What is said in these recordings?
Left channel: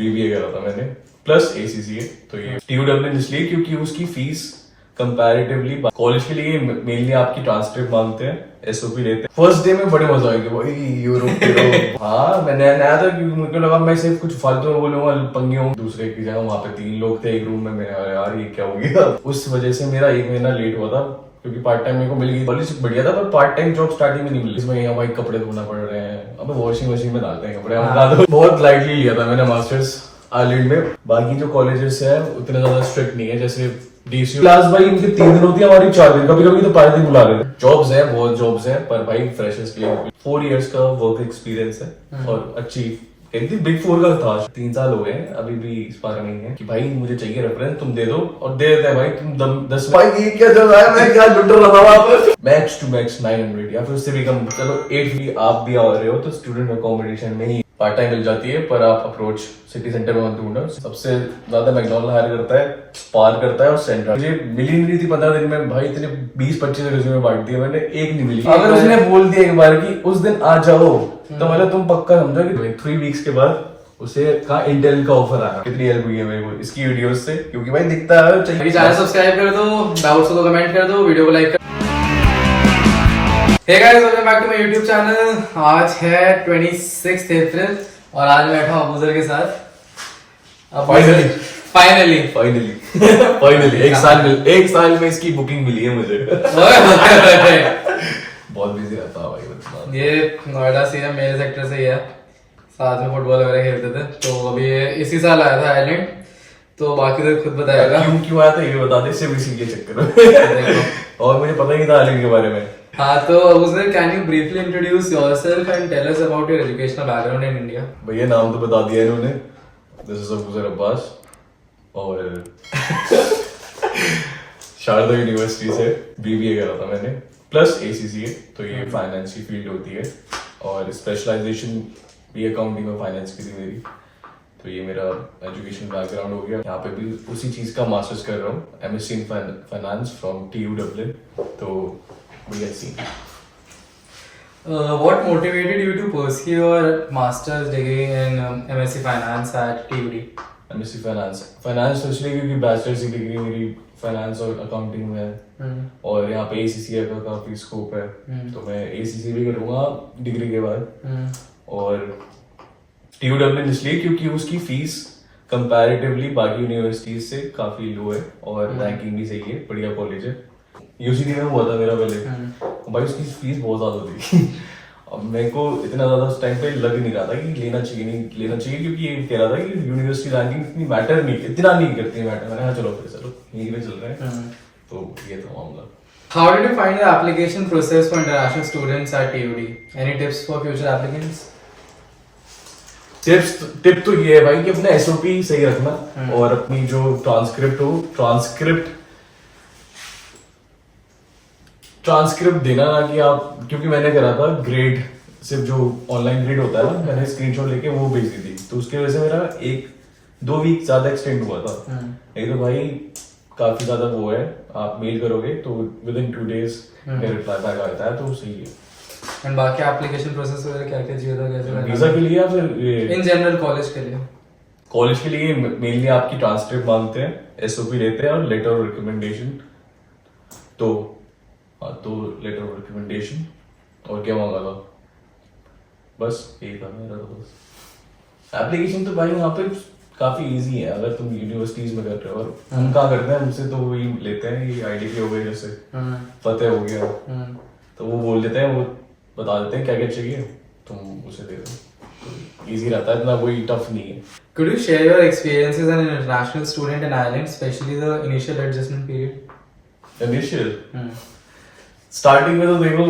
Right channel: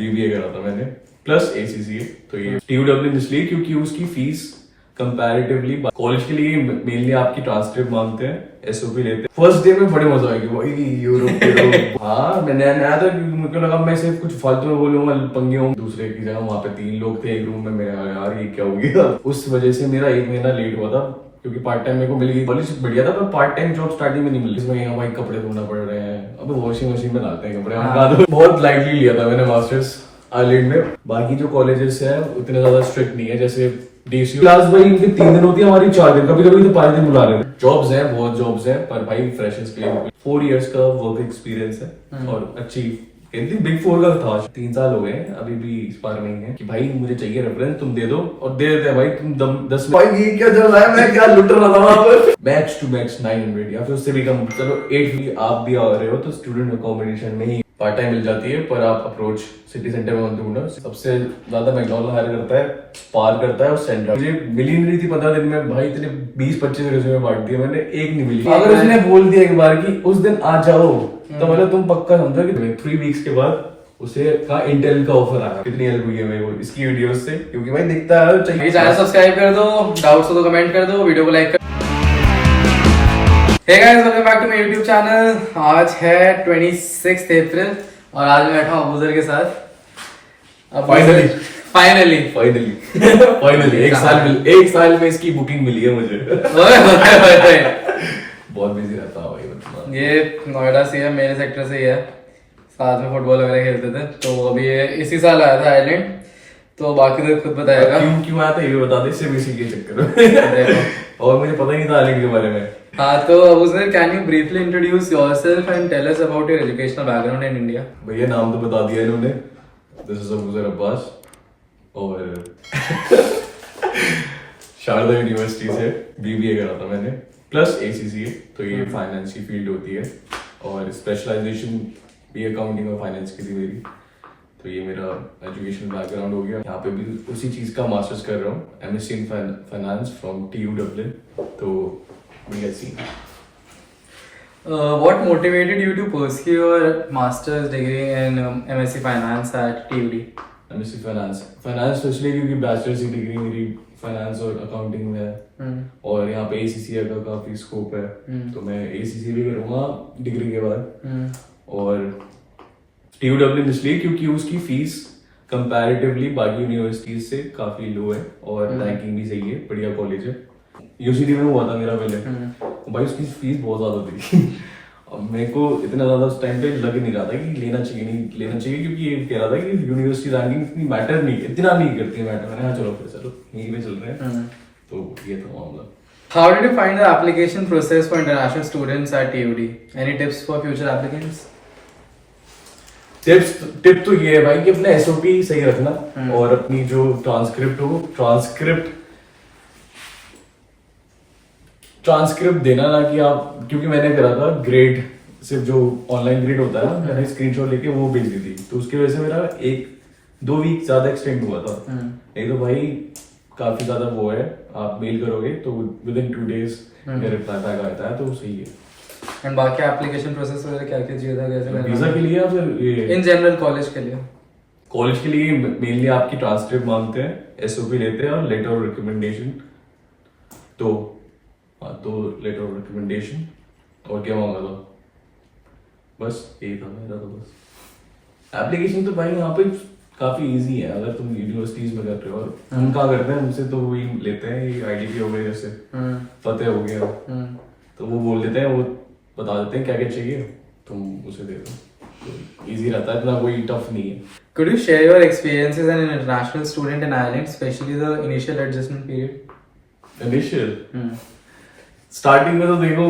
BBA करा था मैंने प्लस एसीसीए। तो ये टीयूडब्ल्यू इसलिए क्योंकि उसकी फीस कंपैरेटिवली कॉलेज के लिए मेनली आपकी ट्रांसक्रिप्ट मांगते हैं, एसओपी लेते हैं। फर्स्ट डे में बड़े मजा आएंगे भाई, यूरोप के लोग। हाँ मैं नया था क्योंकि मुझे लगा मैं सिर्फ कुछ फालतू में बोलूंगा, पंगे होंगे। दूसरे की जगह वहाँ पे 3 लोग थे एक रूम में, मेरा यार ये क्या हो गया। उस वजह से मेरा 1 महीना लेट हुआ था क्योंकि पार्ट टाइम मेरे को मिल गई। कॉलेज बढ़िया था पर पार्ट टाइम जॉब स्टार्टिंग में नहीं मिली। इसमें भाई कपड़े धोना पड़ रहे हैं, अब वॉशिंग मशीन में डालते हैं कपड़े। बहुत लाइटली लिया था मैंने मास्टर्स आइलैंड में। बाकी जो कॉलेजेस है उतने ज्यादा स्ट्रिक्ट नहीं है, जैसे डीसीयू क्लास भाई इनके 3 दिन होती है, हमारी 4 दिन, कभी कभी तो 5 दिन बुला लेते हैं। जॉब्स हैं, बहुत जॉब्स हैं, पर भाई फ्रेशर्स के लिए 4 इयर्स का वर्क एक्सपीरियंस है और अच्छी बिग 4 का था। 3 साल हो गए अभी भी इस बार नहीं है कि भाई मुझे चाहिए रेफरेंस, तुम दे दो, और दे देते हैं भाई। तुम 10 भाई ये क्या चल रहा है, मैं क्या लुट रहा था वहां पर। मैक्स टू मैक्स 900 या फिर उससे भी कम, चलो 8 भी आप भी आ रहे हो तो स्टूडेंट अकोमोडेशन में ही पार्ट टाइम मिल जाती है। पर आप अप्रोच सिटी सेंटर में मत ढूंढो। सबसे ज्यादा मैकडॉनल्ड हायर करता है, स्पार करता है और सेंट्रल। मुझे मिली नहीं थी 15 दिन में भाई, इतने 20-25 रेज्यूमे बांट दिए मैंने, एक नहीं मिली। अगर उसने बोल दिया एक बार कि उस दिन आ जाओ तो मतलब तुम पक्का समझो कि 3 वीक्स के बाद उसे कहा इंटेल का ऑफर आया। कितनी हेल्प हुई है मेरे को इसकी वीडियोस से, क्योंकि भाई दिखता है। चाहिए चैनल सब्सक्राइब कर दो, डाउट्स हो तो कमेंट कर दो, वीडियो को लाइक कर। Hey guys, welcome back to my YouTube channel. आज है 26 अप्रैल और आज मैं बैठा हूं अबूजर के साथ। फाइनली एक साल में इसकी बुकिंग मिली है मुझे। बहुत बिजी रहता है भाई। ये नोएडा से है, मेरे सेक्टर से ही है, साथ में फुटबॉल वगैरह खेलते थे। तो अभी ये इसी साल आया था आइलैंड, तो बाकी तो खुद बताएगा क्यों आया था ये बता दे, सिर्फ इसी के चक्कर में। और मुझे पता ही नहीं था आइलैंड के बारे में। हाँ तो Abuzar, can you briefly introduce yourself and tell us about your educational background in India? भैया नाम तो बता दिया इन्होंने, दिस इज अबूजर अब्बास और शारदा यूनिवर्सिटी से बीबीए करा था मैंने प्लस एसीसीए। तो ये फाइनेंस की फील्ड होती है और स्पेशलाइजेशन भी अकाउंटिंग और फाइनेंस की थी मेरी। तो ये मेरा एजुकेशन बैकग्राउंड हो गया। यहाँ पे भी उसी चीज का मास्टर्स कर रहा हूँ, एमएससी इन फाइनेंस फ्रॉम टीयूडब्ल्यू। तो let's see what motivated you to pursue your master's degree in MSc Finance at TUD? MSc finance तो इसलिए क्योंकि बैचलर्स की डिग्री मेरी फाइनेंस और अकाउंटिंग में है और यहाँ पे एसीसीए का काफी स्कोप है। तो मैं एसीसी भी करूँगा डिग्री के बाद। और टीयूडब्ल्यू इसलिए क्योंकि उसकी फीस कंपैरेटिवली बाकी यूनिवर्सिटीज से काफी लो है और रैंकिंग भी सही है, बढ़िया कॉलेज है। यूसीडी में हुआ था मेरा पहले, भाई उसकी फीस बहुत ज्यादा थी। अब मेरे को इतना ज्यादा उस टाइम पे लग नहीं रहा था कि लेना चाहिए क्योंकि ये कह रहा था कि यूनिवर्सिटी रैंकिंग इतनी मैटर नहीं, इतना नहीं करती मैटर। मैंने चलो यही में चल रहे हैं। तो ये था मामला। How did you find the application process for international students at TUD? Any tips for future applicants? Tip तो ये है भाई कि अपना एसओपी सही रखना और अपनी जो ट्रांसक्रिप्ट देना ना कि आप, क्योंकि मैंने करा था ग्रेड, सिर्फ जो ऑनलाइन ग्रेड होता है ना, मैंने स्क्रीनशॉट लेके वो भेज दी थी। तो उसकी वजह से मेरा 1-2 वीक ज्यादा एक्सटेंड हुआ था। नहीं तो भाई काफी ज्यादा वो है, आप मेल करोगे तो विद इन 2 डेज मेरा रिप्लाई बैक आता है, तो सही है। एंड बाकी एप्लीकेशन प्रोसेस वगैरह क्या क्या चाहिए था, कैसे वीजा के लिए या फिर इन जनरल कॉलेज के लिए? कॉलेज के लिए मेनली आपकी ट्रांसक्रिप्ट मांगते हैं, एसओपी लेते हैं और लेटर ऑफ रिकमेंडेशन। तो लेटर ऑफ रिकमेंडेशन और क्या मांगा था, बस यही था मेरा। तो बस एप्लीकेशन तो भाई यहाँ पे काफी इजी है अगर तुम यूनिवर्सिटीज में कर रहे हो। और हम कहाँ करते हैं, हमसे तो वही लेते हैं, ये आईडीपी हो गया, जैसे फतेह हो गया, तो वो बोल देते हैं, वो बता देते हैं क्या क्या चाहिए, तुम उसे दे दो। इजी रहता है, इतना कोई टफ नहीं है। Could you share your experiences as an international student in Ireland, especially the initial adjustment period? Initial starting में तो देखो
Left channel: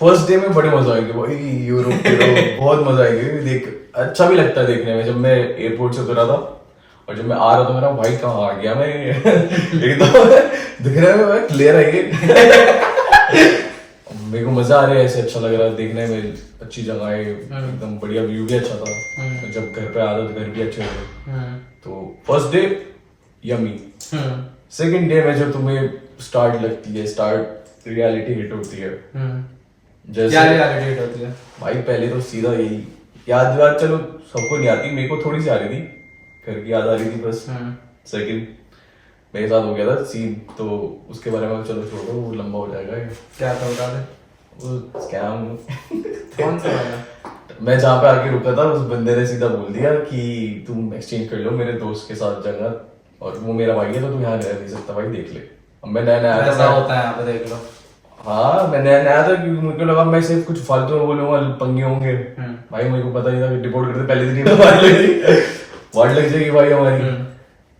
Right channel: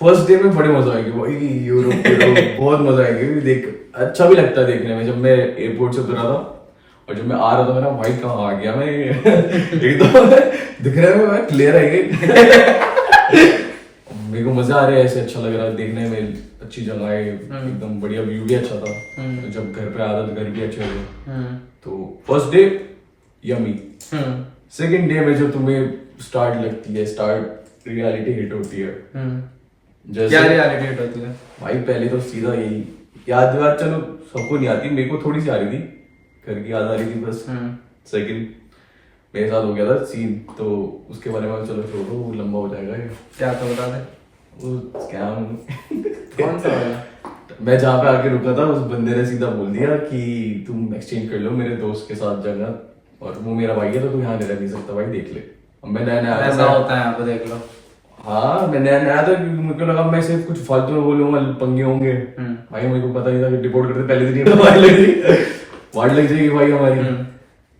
फर्स्ट डे में बड़े मजा आएंगे भाई, यूरोप के लोग बहुत मजा आएंगे। देख अच्छा भी लगता है देखने में। जब मैं एयरपोर्ट से उतरा था और जब मैं आ रहा था, मेरा भाई कहाँ आ गया मैं। एकदम दिखने में मैं क्लियर आई। मेरे को मजा आ रहा है, ऐसे अच्छा लग रहा है देखने में, अच्छी जगह है, एकदम बढ़िया व्यू भी अच्छा था। जब घर पे आया तो घर भी अच्छे थे। तो first day yummy. Second day में जो तुम्हें स्टार्ट लगती है, स्टार्ट रियलिटी हिट होती है। क्या रियलिटी हिट होती है भाई? पहले तो सीधा यही याद चलो सबको नहीं आती, मेरे को थोड़ी सी आ रही थी, घर की याद आ रही थी बस। सेकंड मेरे साथ हो गया था सीन, तो उसके बारे में चलो छोड़ो, वो लंबा हो जाएगा ये। क्या था बता दे। वो स्कैम कौन सा वाला? मैं जहाँ पे आके रुका था उस बंदे ने सीधा बोल दिया कि तुम एक्सचेंज कर लो मेरे दोस्त के साथ जगह, और वो मेरा भाई है तो तू यहाँ रह नहीं सकता भाई, देख ले। अब मैं नया नया ऐसा होता है यहाँ पे, देख लो। हाँ मैं नया नया था, क्योंकि मुझे लगा मैं सिर्फ कुछ फालतू में बोलूंगा, पंगे होंगे। भाई मेरे को पता नहीं था कि डिपोर्ट करते पहले दिन वार्ड लग जाएगी भाई हमारी।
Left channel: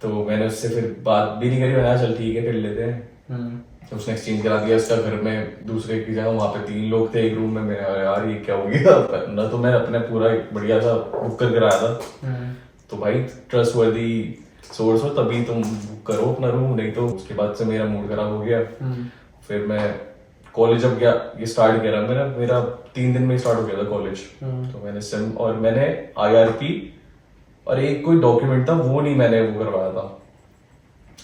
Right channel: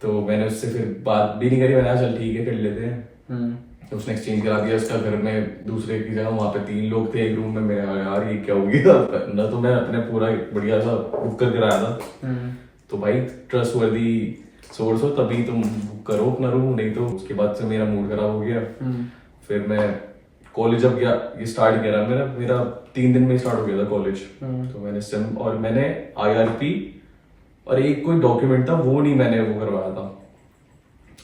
तो मैंने उससे फिर बात भी नहीं करी, मैंने कहा चल ठीक है कर लेते हैं। तो उसने एक्सचेंज करा दिया उसका घर में दूसरे की जगह, वहाँ पे 3 लोग थे एक रूम में। मेरा यार ये क्या हो गया ना, तो मैं अपने पूरा एक बढ़िया सा बुक करके आया था। तो भाई ट्रस्ट वर्दी सोर्स हो तभी तुम बुक करो अपना रूम, नहीं तो उसके बाद से मेरा मूड खराब हो गया। फिर मैं कॉलेज अब गया, ये स्टार्ट किया मेरा 3 दिन में स्टार्ट हो गया था कॉलेज। तो मैंने सिम और मैंने IRP और एक कोई डॉक्यूमेंट था वो नहीं मैंने वो करवाया था।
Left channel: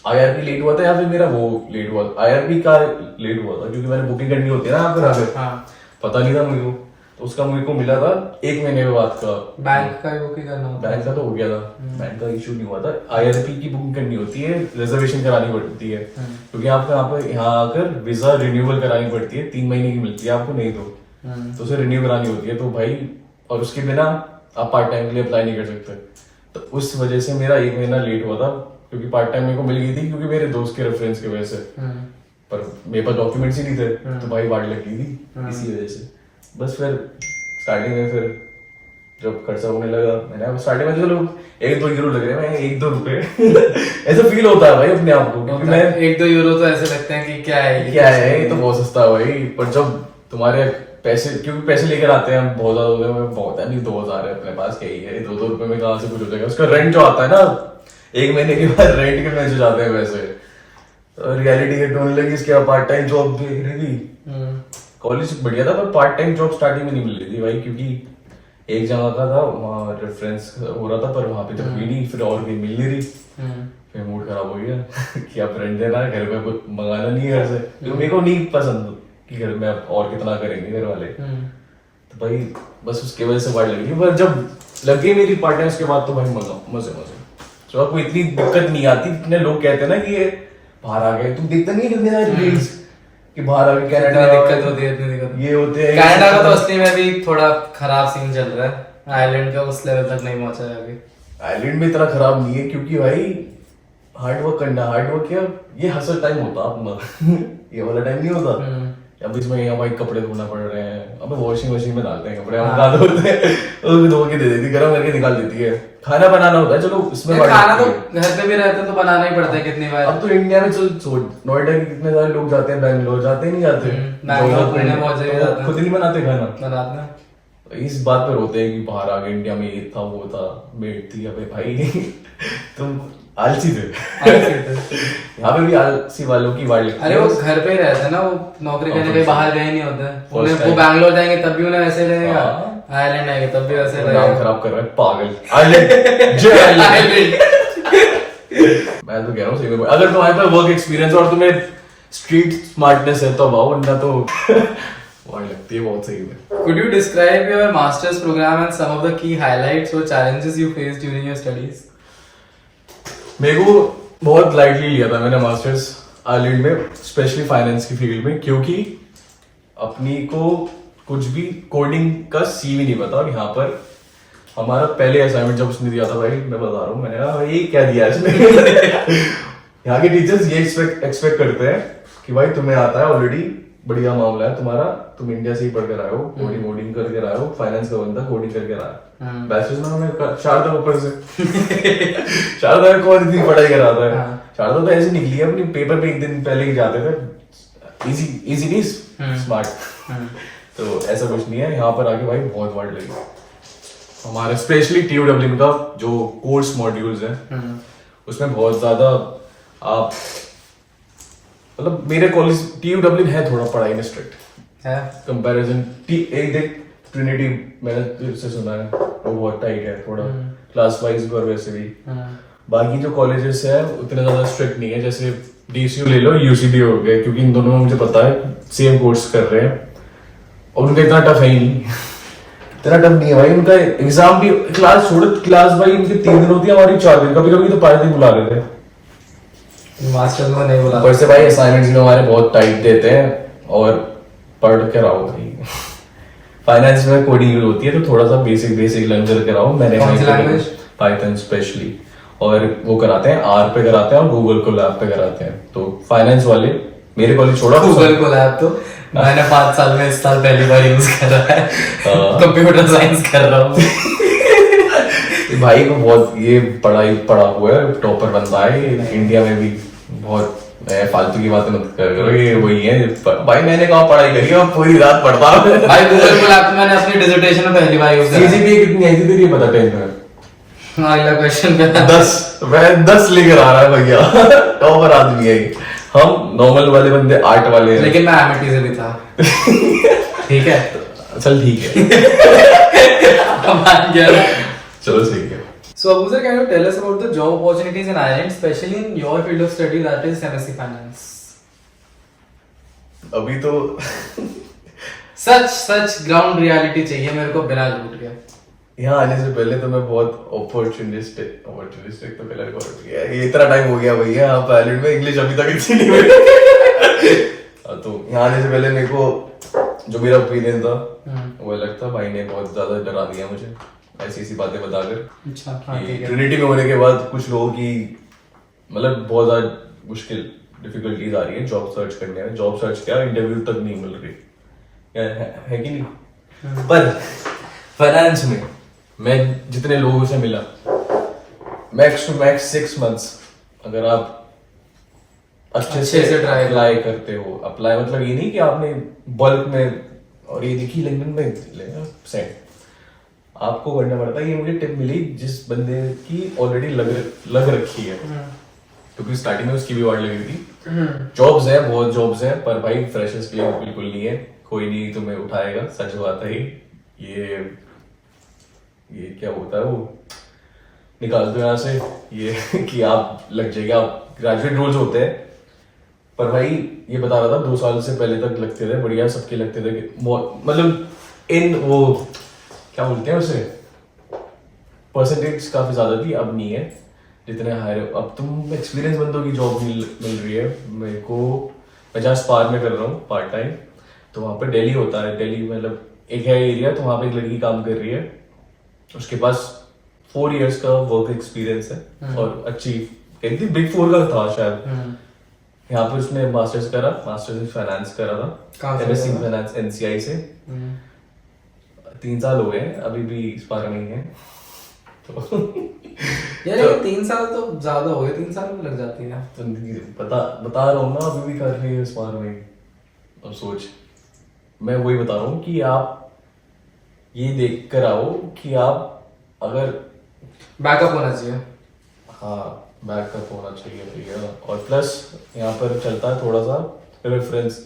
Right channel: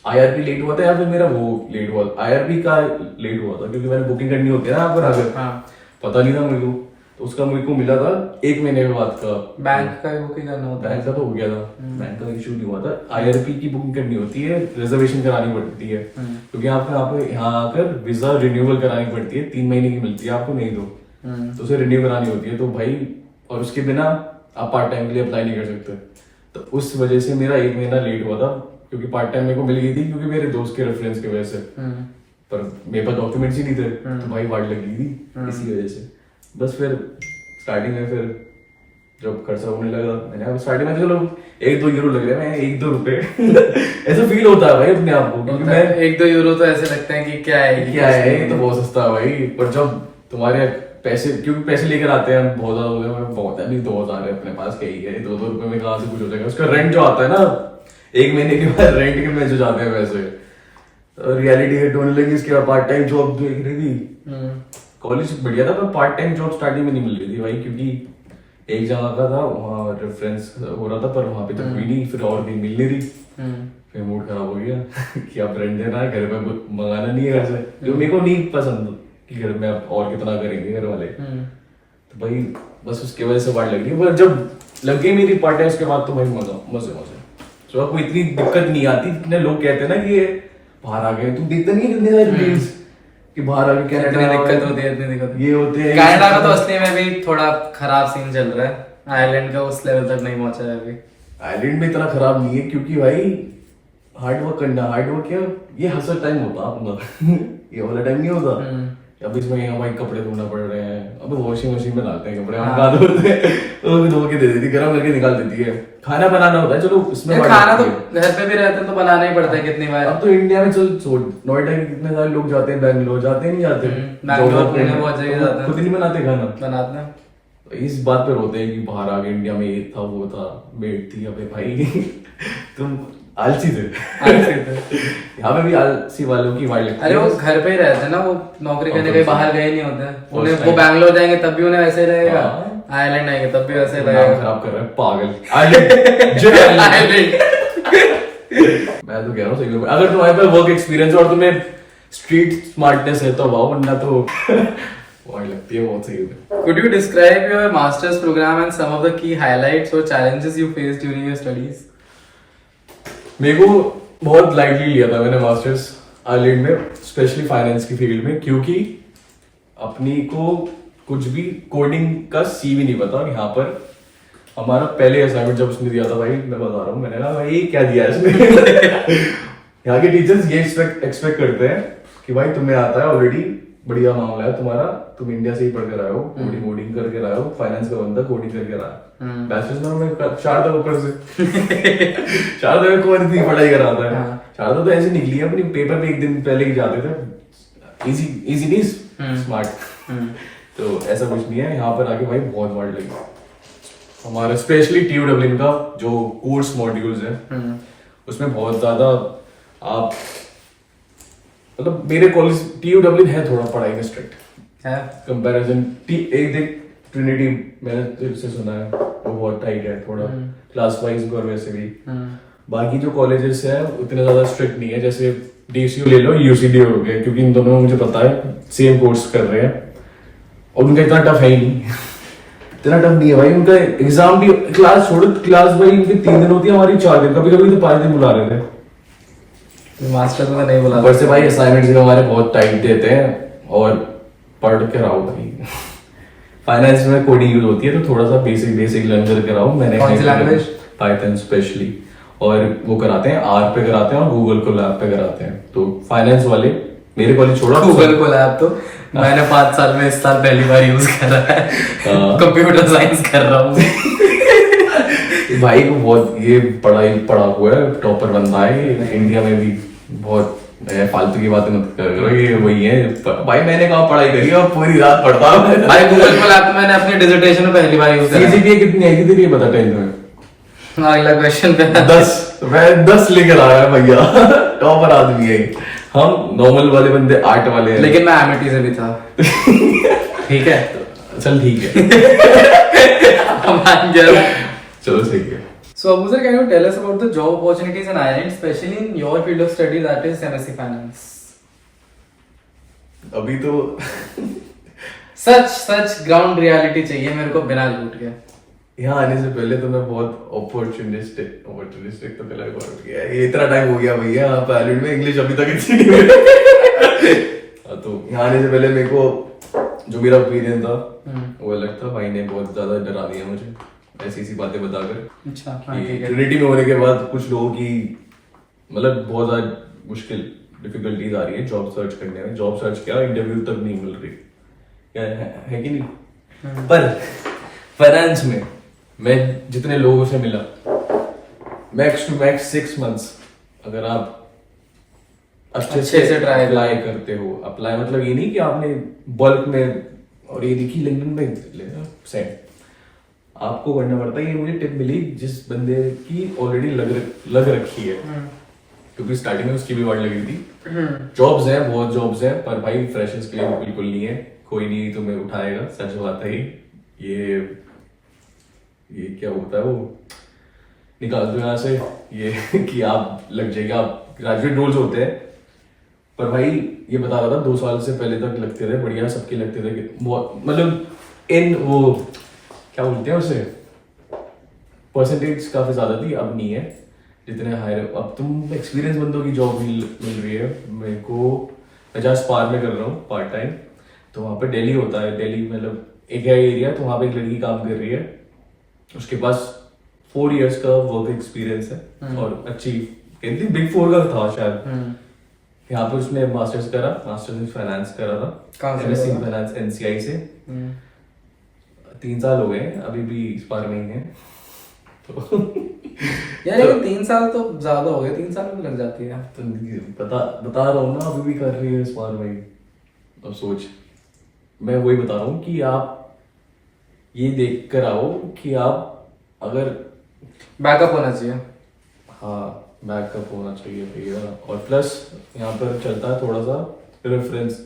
IRP लेट हुआ था या फिर मेरा वो लेट हुआ था, IRP का लेट हुआ था क्योंकि मैंने बुकिंग करनी होती है ना यहाँ पर आकर। पता नहीं था मेरे को, तो उसका मेरे को मिला था 1 महीने के बाद का। बैंक का बुकिंग करना होता है? बैंक का तो हो गया था, बैंक का इशू नहीं हुआ था। IRP की बुकिंग करनी होती है, रिजर्वेशन करानी पड़ती है, क्योंकि आपका यहाँ आकर वीजा रिन्यूअल करानी पड़ती है, 3 महीने की मिलती है आपको, नहीं तो उसे रिन्यू करानी होती है। तो भाई और उसके बिना आप पार्ट टाइम के लिए अप्लाई नहीं कर सकते। तो उस वजह से मेरा 1 महीना लेट हुआ था, क्योंकि पार्ट टाइम मेरे को मिल गई थी क्योंकि मेरे दोस्त के रेफरेंस की वजह से, पर मेरे पास डॉक्यूमेंट्स ही नहीं थे। तो भाई वार्ड लग गई थी इसी वजह से। बस फिर स्टार्टिंग में फिर जब खर्चा होने लगा, मैंने स्टार्टिंग में चलो 1-2 यूरो लग रहे हैं, 1-2 रुपए ऐसा फील होता है भाई अपने आप को, क्योंकि मैं 1-2 यूरो तो ऐसे लगते हैं कि क्या है ये तो बहुत सस्ता है भाई। पर जब तुम्हारे पैसे, क्योंकि पैसे लेकर आते हैं हम बहुत ज्यादा हो गए, बहुत है, अभी 2000 है अपने पास, कहीं है 2-2 रुपए में कहाँ से कुछ हो जाएगा। उसका रेंट जो आता है ना 1 महीने के बाद, रेंट के मैसेज आते हैं वैसे। रियलिटी हिट होने लगी, इसके पार्ट टाइम जॉब देख रही थी। कॉलेज बढ़िया था पर पार्ट टाइम जॉब स्टार्टिंग में नहीं मिल रही थी भाई, क्योंकि एक जगह का था वहाँ रेफरेंस हो रहा था पर वहाँ पे तो हुई नहीं, फिर और भी मिल नहीं रही। फिर मूड खराब हो गया कि अब रेंट देना है, घर में कुछ मंगाना नहीं है घर से, जो मेरे को नहीं पसंद कि घर में अब और कितना करेंगे घर वाले। तो भाई बस उसके वजह से वार्ड लग गई। पर जब लग गई मेरी पार्ट टाइम उसके बाद तो भाई मजे तो आपको इतनी दिक्कत नहीं आती। इतने लोग कहते हैं ना कि ये बाहर आ गए, तुम देखते नहीं कितने सारे रील्स कि बाहर आके कनाडा दिक्कत होती है, इतनी दिक्कत ये होते हैं। कनाडा का तो असली में भी थोड़ा खराब सीन चल रहा है, आयरलैंड का उस लेवल तक नहीं पहुंचा है अभी। आइलैंड में इतना खराब नहीं है, क्योंकि भाई हार्ड वर्क करना, हार्ड वर्क क्या ये हसल टाइम होता अपना ये वाला टाइम नहीं होता। अब इसमें यहाँ भाई कपड़े धोना पड़ रहे हैं, अब वॉशिंग मशीन में डालते हैं कपड़े, हम डाल धोते हैं, धो के दे देती, गर्म करके निकाल देती है। खाना बनाना होता है, चलो इसमें खाना तो घर पे भी रहते हैं तो बनाना ही पड़ता है कितनी बार। अब तो इंडिया में चल नोएडा के कितने सारे लोग जाते हैं, बैंगलोर जाते नहीं जाते, बहुत जगह जाते हैं, खुद नहीं बनाते खाना, बनाते हैं। इस बात पे रोते हैं कि बाहर आ गए, इंडिया में ये था वो था, मेड थी। अबे भाई तुम आलसी थे यहाँ पे भी आलसी वालों की वार्ड लगती है। अरे वो घर पे ही रहते हैं ना, वो नौकरी करने कहीं बाहर गए नहीं होते, उन्हें वो बैंगलोर जाएंगे तब भी उन्हें वैसे ही रहेगा, आयरलैंड आएंगे तब भी वैसे रहेगा। नाम खराब कर रहा है पागल आयरलैंड मैं तो कह रहा हूँ सही में, अगर तुम्हारे पास वर्क एक्सपीरियंस और तुम्हें स्ट्रीट स्मार्टनेस है तो वाओ, वरना तो वार्ड लगती है बहुत सही में। Could you describe your master's program and some of the key highlights or challenges you faced during your studies? मेरे को बहुत लाइटली लिया था मैंने मास्टर्स आयरलैंड में, स्पेशली फाइनेंस की फील्ड में, क्योंकि अपनी को कुछ भी कोडिंग का सी भी नहीं पता। और यहाँ पर हमारा पहले असाइनमेंट जब उसने दिया था भाई, मैं बता रहा हूँ, मैंने कहा भाई क्या दिया इसने यहाँ के टीचर्स ये एक्सपेक्ट करते हैं कि भाई तुम्हें आता है ऑलरेडी, बढ़िया मामला है तुम्हारा, तुम इंडिया से ही पढ़ कर आए हो, कोडिंग करके आए हो, फाइनेंस का बंदा कोडिंग करके रहा है। बैचलर्स में हमने शारदा ऊपर से शारदा में कौन इतनी पढ़ाई करा था, शारदा तो ऐसे निकली है अपनी पेपर पे 1 दिन पहले ही जाते थे, इजी नहीं स्मार्ट। तो ऐसा कुछ नहीं है, यहाँ पर आके भाई बहुत वार्ड लगी हमारे, स्पेशली TUWM का जो कोर्स मॉड्यूल्स है उसमें बहुत ज्यादा आप, मतलब मेरे कॉलेज TUWM है थोड़ा पढ़ाई में स्ट्रिक्ट है कंपैरिजन। देख ट्रिनिटी मैंने तुझसे सुना है वो बहुत टाइट है थोड़ा क्लास वाइज और वैसे भी। बाकी जो कॉलेजेस है उतने ज्यादा स्ट्रिक्ट नहीं है, जैसे DCU ले लो, UCD हो गए, क्योंकि इन दोनों में मुझे पता है सेम कोर्स कर रहे हैं और उनका इतना टफ है ही नहीं इतना टफ नहीं है भाई उनका एग्जाम भी। क्लास छोड़ो, क्लास भाई इनकी 3 दिन होती है, हमारी 4 दिन, कभी कभी तो 5 दिन बुला रहे थे। मास्टर को नहीं बुला। ऊपर से भाई असाइनमेंट्स भी हमारे बहुत टाइट देते हैं और पढ़ के रहो भाई। फाइनेंस में कोडिंग यूज होती है तो थोड़ा सा बेसिक लर्न करके रहो। मैंने कौन सी लैंग्वेज? पाइथन स्पेशली, और वो कराते हैं आर पे कराते हैं और गूगल को लैब पे कराते हैं। तो फाइनेंस वाले मेरे कॉलेज छोड़ा, गूगल को लैब तो मैंने 5 साल में इस साल पहली बार यूज करा है। कंप्यूटर साइंस कर रहा हूँ। भाई को बहुत ये पढ़ा हुआ है, टॉपर बंदा है ये इंडिया में भी। बहुत फालतू की बातें मत करो, ये वही है भाई। मैंने कहा पढ़ाई करी और पूरी रात पढ़ता हूँ भाई। गूगल को लैब तो मैंने अपनी डिसर्टेशन में पहली बार यूज करा। सीजीपीए कितनी आई थी तेरी, ये बता 10th में? अगला क्वेश्चन पे 10। मैं 10 लेकर आ रहा है भैया। टॉपर आदमी है ये। हम नॉर्मल वाले बंदे 8 वाले हैं। लेकिन मैं एमिटी से भी था। ठीक है, चल ठीक है। मान गया। चलो सही है। So Abuzar, can you tell us about the job opportunities in Ireland, especially in your field of study, that is MSc Finance? अभी तो सच ग्राउंड रियलिटी चाहिए मेरे को, बिना झूठ के। यहाँ आने से पहले तो मैं बहुत अपॉर्चुनिस्टिक तो पहले बहुत गया। ये इतना टाइम हो गया भैया यहाँ पे आइलैंड में, इंग्लिश अभी तक इतनी नहीं हुई। तो यहाँ आने से पहले मेरे को जो मेरा ओपिनियन था वो अलग था। भाई ने बहुत ज्यादा डरा दिया मुझे ऐसी बातें बताकर। अच्छा, हाँ, ठीक है। ट्रिनिटी में होने के बाद कुछ लोगों की मतलब बहुत ज्यादा मुश्किल डिफिकल्टीज आ रही है जॉब सर्च करने में। जॉब सर्च क्या, इंटरव्यू तक नहीं मिल रही, क्या है कि नहीं? पर फाइनेंस में मैं जितने लोगों से मिला, मैक्स टू मैक्स 6 months अगर आप अच्छे से ट्राई अप्लाई करते हो। अप्लाई मतलब ये नहीं कि आपने बल्क में और ये देखी लिंक्डइन में लेना सेंड। आपको करना पड़ता है। ये मुझे टिप मिली जिस बंदे की ऑलरेडी लग रखी है, क्योंकि स्टार्टिंग में उसकी भी वार्ड लगी थी। जॉब्स हैं, बहुत जॉब्स हैं, पर भाई फ्रेशर्स के लिए बिल्कुल नहीं है। कोई नहीं तुम्हें उठाएगा, सच बात है। ये क्या होता है, वो निकाल दो यहाँ से ये कि आप लग जाएगा। आप ग्रेजुएट रोल्स होते हैं, पर भाई ये बता रहा था 2 साल से पहले तक लगते थे, बढ़िया सबके लगते थे। मतलब इन वो क्या बोलते हैं उसे, परसेंटेज काफी ज्यादा थी, अब नहीं है जितने हायर। अब तुम एक्सपीरियंस बंदों की जॉब मिल रही है। मेरे को 50 पार में कर रहा हूँ पार्ट टाइम, तो वहां पे दिल्ली होता है। दिल्ली मतलब एक है एरिया, तो वहां पे एक लड़की काम कर रही है, उसके पास 4 years का वर्क एक्सपीरियंस है और अच्छी कही थी, Big 4 का था शायद। यहाँ पे उसने मास्टर्स करा, मास्टर्स इन फाइनेंस करा था, MSc फाइनेंस NCI से। 3 साल हो गए, अभी भी इस बार में ही है। यार लेकिन 3 साल तो ज्यादा हो गए, 3 साल में लग जाती है। तो बता रहा हूँ ना, अभी भी कर रही है इस बार में। अब सोच, मैं वही बता रहा हूँ कि आप ये देख कर आओ कि आप अगर बैकअप होना चाहिए। हाँ, बैकअप होना चाहिए भैया। और प्लस यहाँ पर चलता है थोड़ा सा रेफरेंस।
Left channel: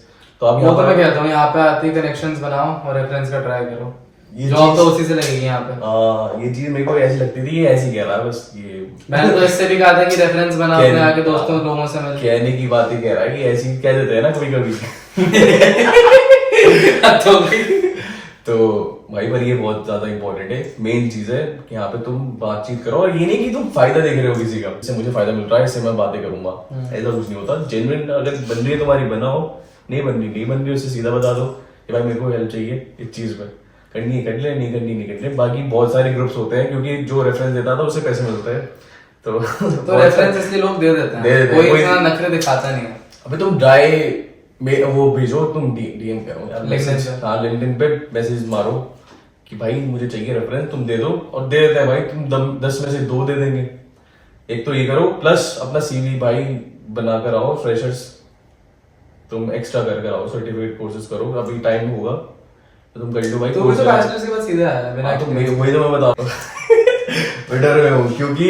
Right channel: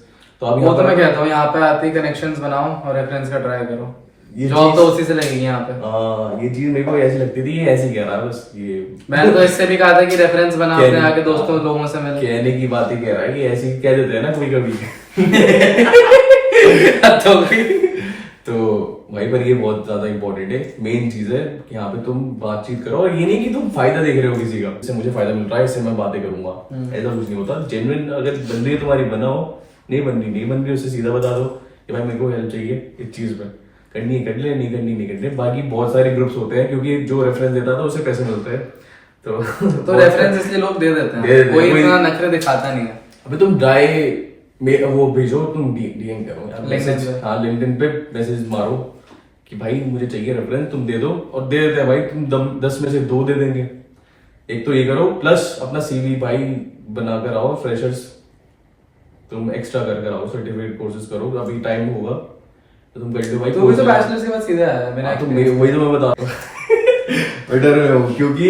तो आप वो तो मैं कहता हूँ यहाँ पे आते ही कनेक्शंस बनाओ और रेफरेंस का ट्राई करो। जॉब तो उसी से लगेगी यहाँ पे। ये चीज मेरे को ऐसी लगती थी, ये ऐसी कह रहा है बस। ये मैंने तो इससे भी कहा था कि रेफरेंस बना अपने आके दोस्तों लोगों से मिल। कहने की बात ही कह रहा है कि ऐसी कह देते हैं ना कभी कभी। तो भाई पर ये बहुत ज्यादा इंपॉर्टेंट है, मेन चीज है कि यहाँ पे तुम बातचीत करो। और ये नहीं कि तुम फायदा देख रहे हो किसी का, इससे मुझे फायदा मिल रहा है, इससे मैं बातें करूंगा, ऐसा कुछ नहीं होता। जेन्युइन अगर बन रही है तुम्हारी बनाओ, नहीं बन रही उससे सीधा बता दो कि भाई मेरे को हेल्प चाहिए इस चीज में, करनी है कर ले, नहीं करनी। बाकी बहुत सारे ग्रुप्स होते हैं, क्योंकि जो रेफरेंस देता था उससे पैसे मिलते हैं। तो रेफरेंस इसलिए लोग दे देते हैं, कोई इतना नखरे दिखाता नहीं है। अबे तुम वो भेजो, तुम डीएम करो यार, लिंक्डइन पे मैसेज मारो कि भाई मुझे चाहिए रेफरेंस, तुम दे दो, और दे देते हैं भाई। तुम 10 में से 2 दे देंगे। एक तो ये करो, प्लस अपना सीवी भाई बना कर आओ। फ्रेशर्स तुम एक्स्ट्रा कर आओ, सर्टिफिकेट कोर्सेज करो, अभी टाइम होगा तो तुम कर लो भाई। तो मुझे बैचलर्स के बाद सीधे आया बिना वही तो मैं बता रहा हूँ। डर में हूँ क्योंकि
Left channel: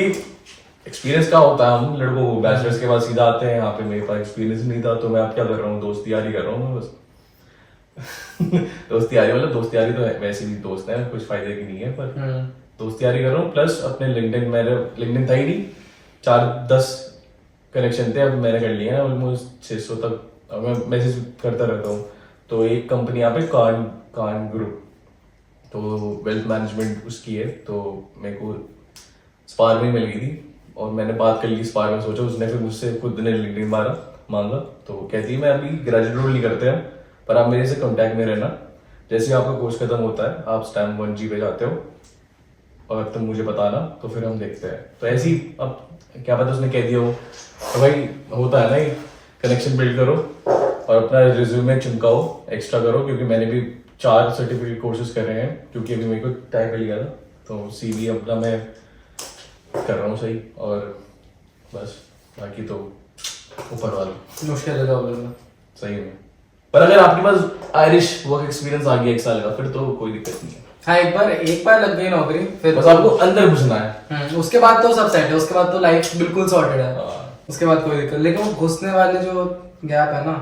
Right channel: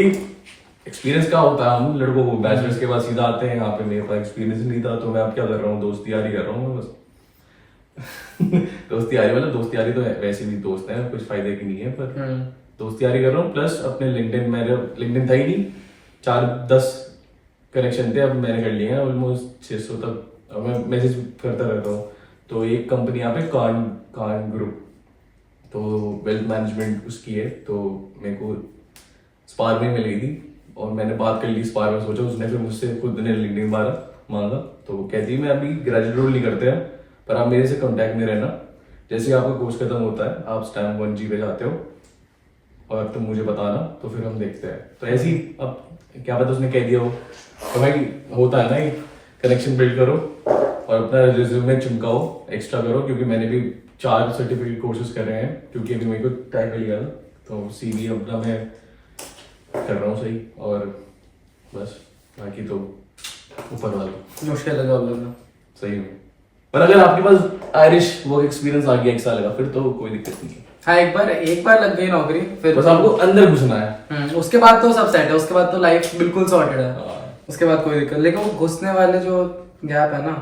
एक्सपीरियंस का होता है, हम लड़कों को बैचलर्स के बाद सीधा आते हैं। यहाँ पे मेरे पास एक्सपीरियंस नहीं था, तो मैं अब क्या कर रहा हूँ, दोस्ती यारी कर रहा हूँ बस। दोस्ती यारी तो वैसे भी दोस्त है, कुछ फायदे की नहीं है, पर दोस्ती यारी कर रहा हूँ। प्लस अपने लिंक्डइन था ही नहीं, 4-10 कनेक्शन थे, अब मैंने कर लिया ऑलमोस्ट 600 तक। मैं मैसेज करता रहता हूँ। तो एक कंपनी यहाँ पे कान ग्रुप, तो वेल्थ मैनेजमेंट उसकी है, तो मेरे को स्पार में मिल गई थी और मैंने बात कर ली स्पार में, सोचा उसने फिर मुझसे खुद ने लिंक्डइन मांगा, तो कहती है मैं अभी ग्रेजुएट रोल नहीं करते हैं पर आप मेरे से कांटेक्ट में रहना, जैसे आपका कोर्स खत्म होता है आप स्टैम्प 1G पे जाते हो और तुम मुझे बताना, तो फिर हम देखते हैं। तो ऐसी अब क्या पता उसने कह दिया हो, तो भाई होता है ना, ये कनेक्शन बिल्ड करो और अपना रिज्यूमे चिमकाओ, एक्स्ट्रा करो, क्योंकि मैंने भी 4 सर्टिफिकेट कोर्सेज कर रहे हैं, क्योंकि अभी मेरे को टाइम मिल गया था, तो CV अपना मैं कर रहा हूँ सही, और बस बाकी तो ऊपर वाले मुश्किल है जॉब लगना सही में। पर अगर आपके पास आयरिश वर्क एक्सपीरियंस आ गया 1 साल का, फिर तो कोई दिक्कत नहीं है। हाँ, एक बार लग गई नौकरी, फिर बस आपको अंदर घुसना है। उसके बाद तो सब सेट है, उसके बाद तो लाइफ बिल्कुल सॉर्टेड है, हाँ। उसके बाद कोई दिक्कत। लेकिन वो घुसने वाले जो गैप है ना,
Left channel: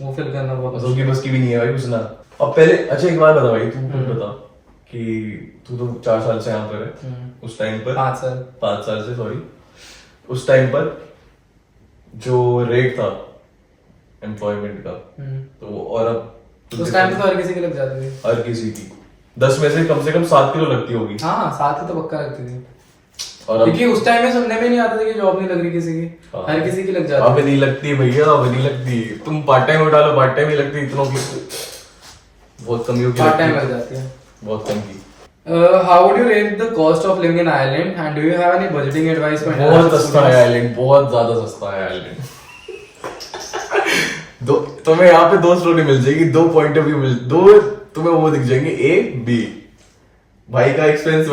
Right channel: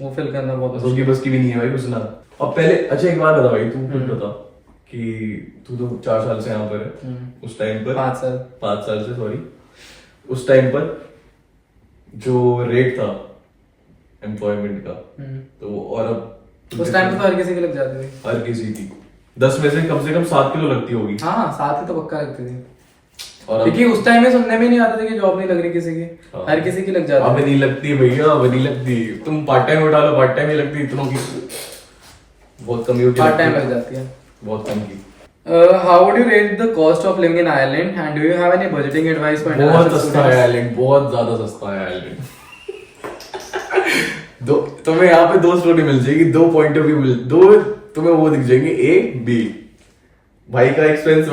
वो फिल करना बहुत बस उसकी बस की भी नहीं है भाई घुसना। और पहले अच्छा एक बात बता भाई, तुम खुद बता कि तू तो 4 साल से यहाँ पर है, उस टाइम पर 5 साल से सॉरी, उस टाइम पर जो रेट था एम्प्लॉयमेंट का, तो और अब उस टाइम पे तो हर किसी की लग जाती थी, हर किसी की 10 में से कम 7 किलो लगती होगी। हाँ 7 की तो पक्का लगती थी, और अब क्योंकि उस टाइम में सुनने में नहीं आता था कि जॉब नहीं लग रही किसी की, हाँ। हर किसी की लग जाती अब नहीं लगती भैया, अब नहीं लगती, तुम पार्ट टाइम उठा लो, पार्ट टाइम ही लगती इतनों की, बहुत कम ही पार्ट टाइम लग जाती है। बहुत कम की। How would you rate the cost of living in Ireland and do you have any budgeting advice for बहुत सस्ता है आयरलैंड, बहुत ज्यादा सस्ता है आयरलैंड। दो तुम्हें यहाँ पे 2 स्टोरी मिल जाएगी, 2 पॉइंट ऑफ व्यू दो तुम्हें वो दिख जाएंगे, A B। भाई का एक्सपेंस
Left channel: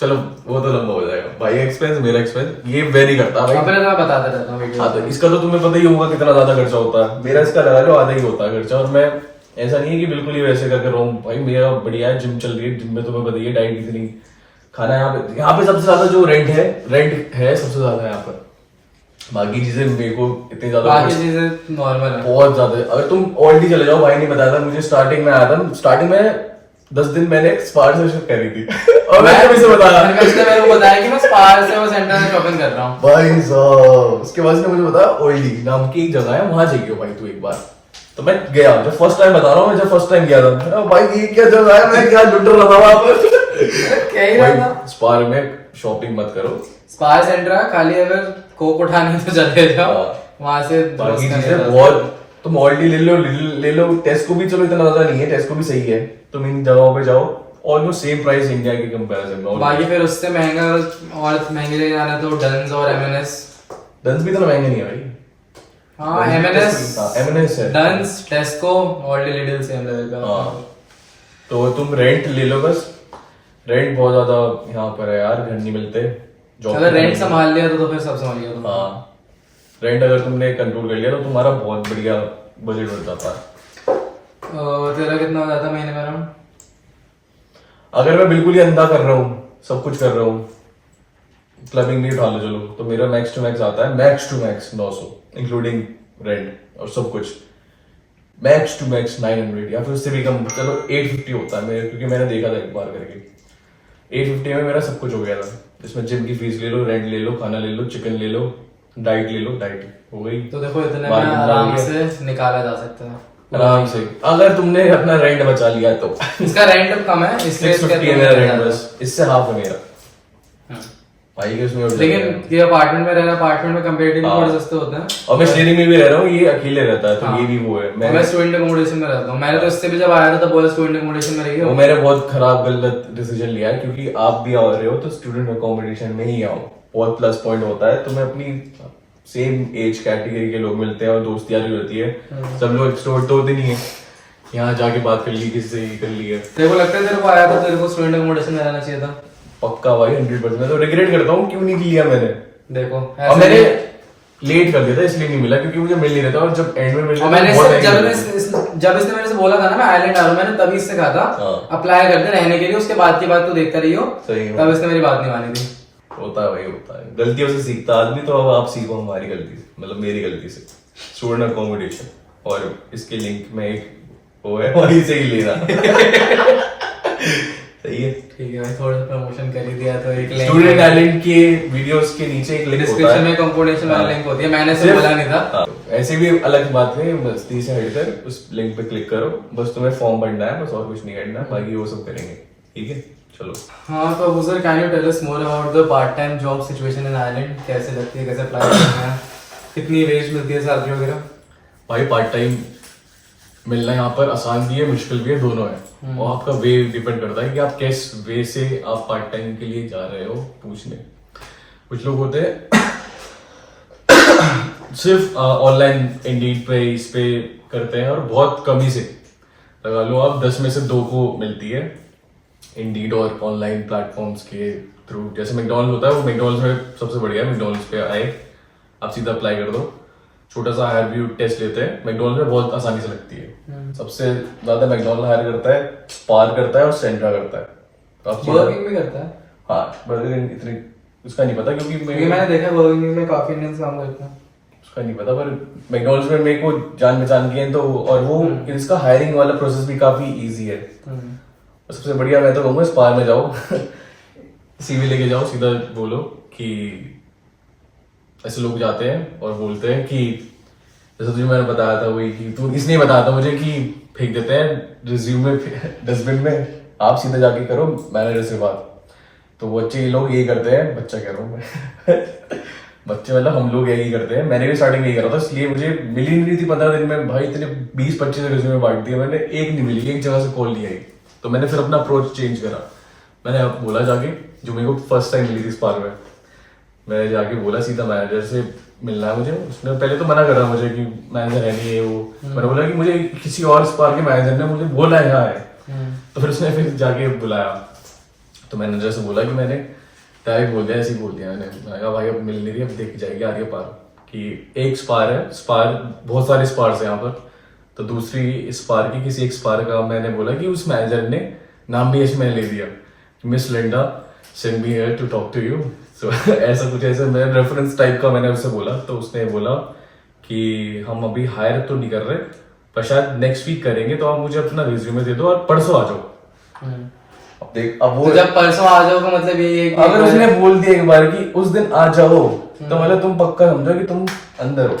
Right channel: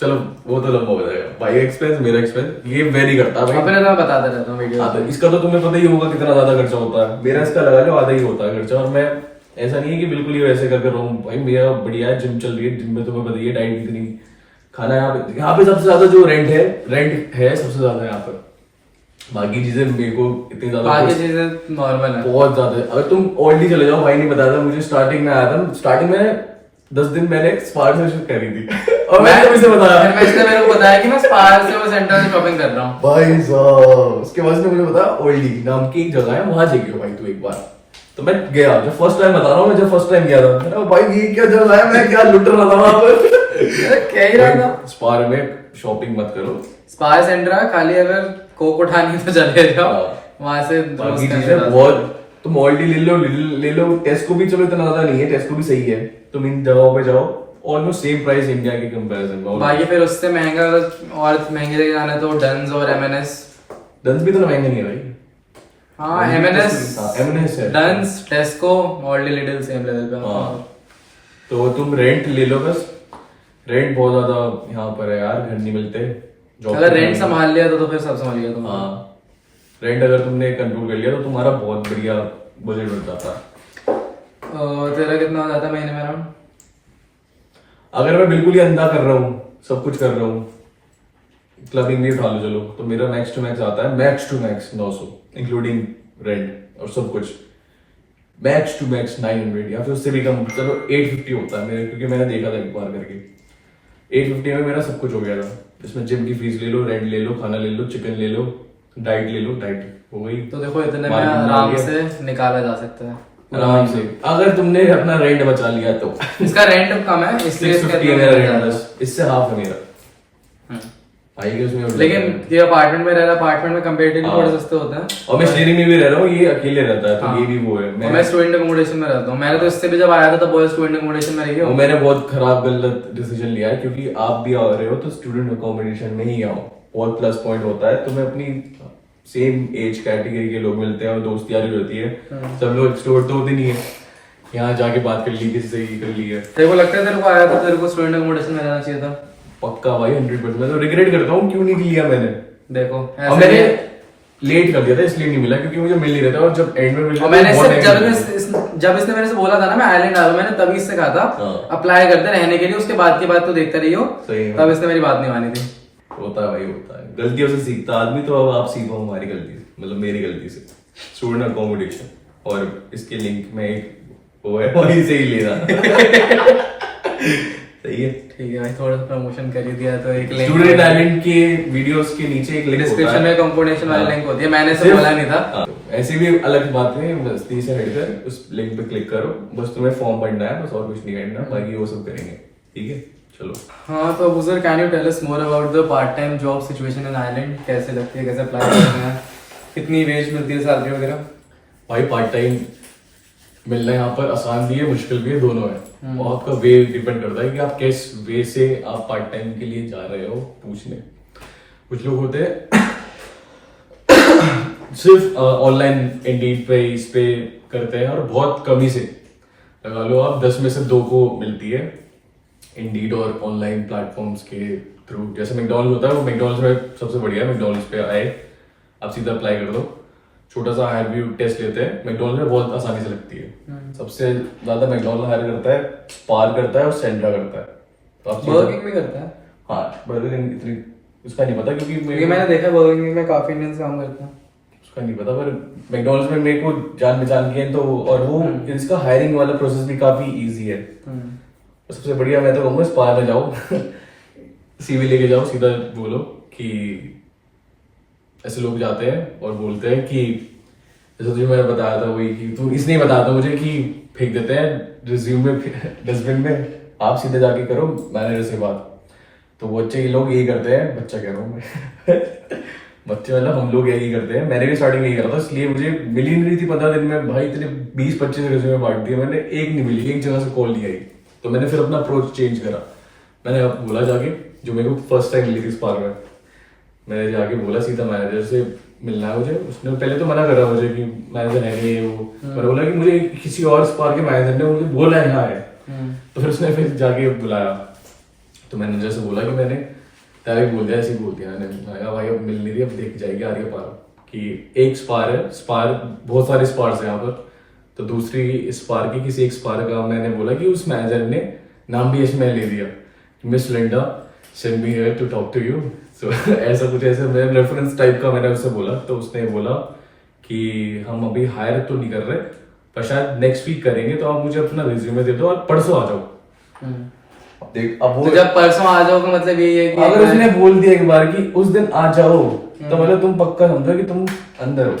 चलो वो तो लंबा हो जाएगा, भाई एक्सपेंस मेरा एक्सपेंस ये वेरी करता है भाई। अपने तो मैं बताता रहता हूँ वीडियो हाँ, तो इसका तो तुम्हें पता ही होगा कितना ज्यादा खर्चा होता है, मेरा इसका लगा लो आधा ही होता है खर्चा, और मैं ऐसा नहीं है कि बिल्कुल ही वैसे करके रहा हूँ भाई, मेरा बढ़िया है, जिम चल रही है, जिम में तुम्हें पता ही है डाइट कितनी, खाना यहाँ पे सबसे ज्यादा जो रेंट है सबसे ज्यादा यहाँ पर, बाकी चीजें मेरे को इतनी ज्यादा बाकी चीजें नॉर्मल है बहुत ज्यादा। अगर तुम ऑलरेडी चले जाओ, भाई नहीं बताया था मुझे, स्टार्टिंग में आया था, स्टार्टिंग में 10 दिन मैंने स्पार से शॉपिंग करी थी और मैंने उसे बताया, मेरे को बताया कि मैं स्पार से वो सेंटर से शॉपिंग कर रहा हूँ भाई साहब। उसके बाद उसने मुझे बताया ऑयली नाम की एक जगह है, वहां जाइए भाई तू एक बार। तो मैं गया, जब फर्स्ट टाइम बता रहा हूँ, मैं जब फर्स्ट टाइम गया था, भाई ये क्या जगह है, मैं क्या लुट रहा था वहां पर। क्या ही रहा था। स्पार में शॉपिंग मत करो, स्पार सेंटर है, खाली अगर कोक उठानी तो चले जाओ वहां से। बाकी चीजें बहुत, तुम ऑलरेडी ले लो, टेस्को भी चलो इतना ज्यादा नहीं है, टेस्को भी सही है, तुम इन जगहों पे जाओ, ऑलमोस्ट सेम प्राइस इंडिया के कंपैरिजन में। बाकी फिर उससे महंगा और महंगे जगह जाना तो डन्स और M&S। डन्स भी तो महंगे नहीं है भाई। हाँ M&S है, Dunnes, Tesco, already little same level पे। हाँ, तो तुम रेंट ले लो बस, रेंट बहुत ज्यादा यहाँ पर है यार, घर नहीं मिलते। अगर रेंट संभाल लिया तो फिर सब संभाल लिया तुमने। हाँ, रेंट अगर तुमने कंट्रोल कर लिया तो तुम्हारा बहुत बढ़िया बजट बन जाता है। तेरा कितना हो जाता है महीने में अराउंड? अगर मैं बिल्कुल ही अंधा कर रहा हूँ, सब कुछ कर रहा हूँ, क्लबिंग भी उठा लो चलो, तो मेरा मैक्स टू मैक्स आता है, max to max 900 including rent और सब कुछ, मैक्स टू मैक्स 900 या फिर उससे भी कम, चलो 850 होता है मेरे, क्योंकि मैंने देखा था एक बार करके 850 में मेरा सब कुछ हो गया था। इसमें जिम की फीस ले लो, रेंट ले लो, खाना ले लो, चिकन ले लो, डाइट ले लो, डाइट हो गई। तो देखो इतने में आराम से निकाला जा सकता है, आराम से, अगर तुमने अपना रेंट बचा लिया तो। इसका रेंट कम है इसलिए 650 है मेरा रेंट, बस इससे हाफ है मेरा भाई के उसमें। लेकिन ये अपार्टमेंट में रह रहा, अपार्टमेंट में कंपैरेटिवली हाँ। थोड़े सस्ते होते हैं। और मैं शेयरिंग में भी रह रहा हूँ, ये अकेले रहता है, तो हाँ। ये भी वो है। मैं स्टूडेंट अकोमोडेशन में रहता हूँ, मैंने तो इससे भी जब आया था तब बॉयज स्टूडेंट अकोमोडेशन में रही वो मैंने बहुत खराब गलत डिसीजन लिया है, क्योंकि आप भी आ रहे हो तो स्टूडेंट अकोमोडेशन में ही आओ, बहुत प्लस पॉइंट होता है। तुम्हें अपनी सेम एज कैटेगरी के लोग मिलते हैं और दोस्तियारी होती है, सब लोग एक्सट्रोवर्ट तो होते नहीं है, यहाँ जाके बात कर ली, किसी से ही कर ली है। तेरे को लगता है तेरे को आया था तेरे को स्टूडेंट अकोमोडेशन में रहना चाहिए था? पक्का भाई 100%। मैं तो रिग्रेट करता हूँ क्यों नहीं लिया मैंने। देखो अब मैंने लेट कर दिया था इसलिए नहीं मिला, क्योंकि मुझे मिल नहीं रहा था, और जब एंड में मिल मैंने जब इसने मेरे से बोला था ना मैं आयरलैंड आ रहा हूँ, मैंने तभी इससे कहा था अप्लाई कर दे रहने के लिए, उसके बाद की बात तो देखता रही हो। तब इसने मेरी बात नहीं मानी थी। होता है भाई, होता है, गलतियों से सीखता आदमी। तो अब आप सीखो हमारी गलती से, मतलब मेरी गलती से, स्टूडेंट अकोमोडेशन, और इसके लिंक में एक वो है वहीं से ही ले रहा। सही है। ठीक है भाई, थोड़ा सा प्रमोशन कर ही दिया तो एक लिंक स्टूडेंट टैलेंट के वीडियोस के नीचे एक लिंक डिस्क्रिप्शन में कंपोनेशन वाली लिंक होती है, मैंने से बोला नहीं था। हाँ, ऐसी भी अलग बात नहीं, मस्ती से हटकर उस लिंक पे क्लिक करो, बस तुम्हें फॉर्म भरना है, बस और कुछ नहीं करना, बाकी वो सब करेंगे। ठीक है, चलो। हाँ तो Abuzar, can you tell us more about the part time job situation in Ireland? कैसे लगती है, कैसे अप्लाई करती है, कितनी वेज मिलती है, सैलरी वगैरह? भाई पार्ट टाइम मिलना यहाँ पर आसान भी है, मुश्किल भी है, दोनों है। और आपका वे डिपेंड करता है कि आप किस वे से आप पार्ट टाइम के लिए जा रहे हो पूछने। कुछ लोग होते हैं सिर्फ ऑनलाइन इंडीड पे इस पे करते हैं और बहुत कम ही से लगा लो आप 10 में से 2 को मिलती है इंडीड और ऑनलाइन प्लेटफॉर्म्स के थ्रू। जैसे मैकडॉनल्ड्स होता है, वो मैकडॉनल्ड्स में सबसे बढ़िया है। मैकडॉनल्ड्स पे आए, आप सीधा अप्लाई कर दो, छोटा सा हायरव्यू टेस्ट लेते हैं। मैकडॉनल्ड्स में बहुत आसानी से लगती है। सबसे ज्यादा मैकडॉनल्ड हायर करता है, स्पार करता है और सेंट्रा करता है। तो आप बर्गर किंग भी करता है? हाँ, बर्गर किंग इतनी उसका नहीं पता, क्योंकि क्योंकि मैंने देखा बर्गर किंग में काफी इंडियंस काम करते हैं। उसका नहीं पता, पर मैकडॉनल्ड्स में मेरे को जान पहचान की है तो, और वो इसका हायरिंग वाला प्रोसेस भी काफी इजी है। सबसे बढ़िया मैं तो कहूँगा स्पार में जाओ सीवी लेके जाओ, सीधा बोलो कि ऐसे लोग जाते हैं और बोलते हैं कि जैसे तुझे मैंने बताया था वही, कि तू इसलिए बताया था मुझे कि फेंक देते हैं रिज्यूम में डस्टबिन में, आप सीधा जाके करो मैनेजर से बात। तो बच्चे ये लोग यही करते हैं, बच्चा कह रहा हूँ मैं बच्चे मतलब हम लोग यही करते हैं। मैंने भी स्टार्टिंग नहीं करा था, इसलिए मुझे मिली नहीं थी 15 दिन में। भाई इतने 20-25 रिज्यूमे बांट दिए मैंने, एक नहीं मिली, एक जगह से कॉल नहीं आई। तो मैंने फिर अपना अप्रोच चेंज करा। मैंने अब बोला जाके, जो मेरे को फर्स्ट टाइम मिली थी स्पार्क में, मैंने जाके बोला सीधा मैनेजर से मिलना है मुझे। उसने पहले तो मना कर रहा मुझे कि मैनेजर है नहीं है वो। मैंने बोला कि मुझे किसी और स्पार्क के मैनेजर ने मुझे बोला है यहाँ है। तो फिर उसने फिर जाके बुलाया, तो मैनेजर से बोला कि मैंने डायरेक्ट बोल दिया, ऐसे ही बोल दिया मैंने। मैं कहा भाई अब मिल नहीं रही, अब देख जाएगी आ रही है पार, कि एक स्पार है, स्पार बहुत सारे स्पार्स हैं यहाँ पर। तो दूसरी स्पार की किसी एक स्पार का मैंने बोला कि उस मैनेजर ने नाम भी इसमें ले दिया, Miss Linda send me here to talk to you. So ऐसा कुछ, ऐसे मैं रेफरेंस टाइप का मैंने उससे बोला। तो उसने बोला कि हम अभी हायर तो नहीं कर रहे, पर शायद नेक्स्ट वीक करेंगे, तो आप मुझे अपना रिज्यूमे दे दो और परसों आ जाओ। अब देख, अब वो तो जब परसों आ जाओ तो मतलब यही है कि अगर उसने बोल दिया एक बार कि उस दिन आ जाओ, तो मतलब तुम पक्का समझो कि तुम अंदर हो।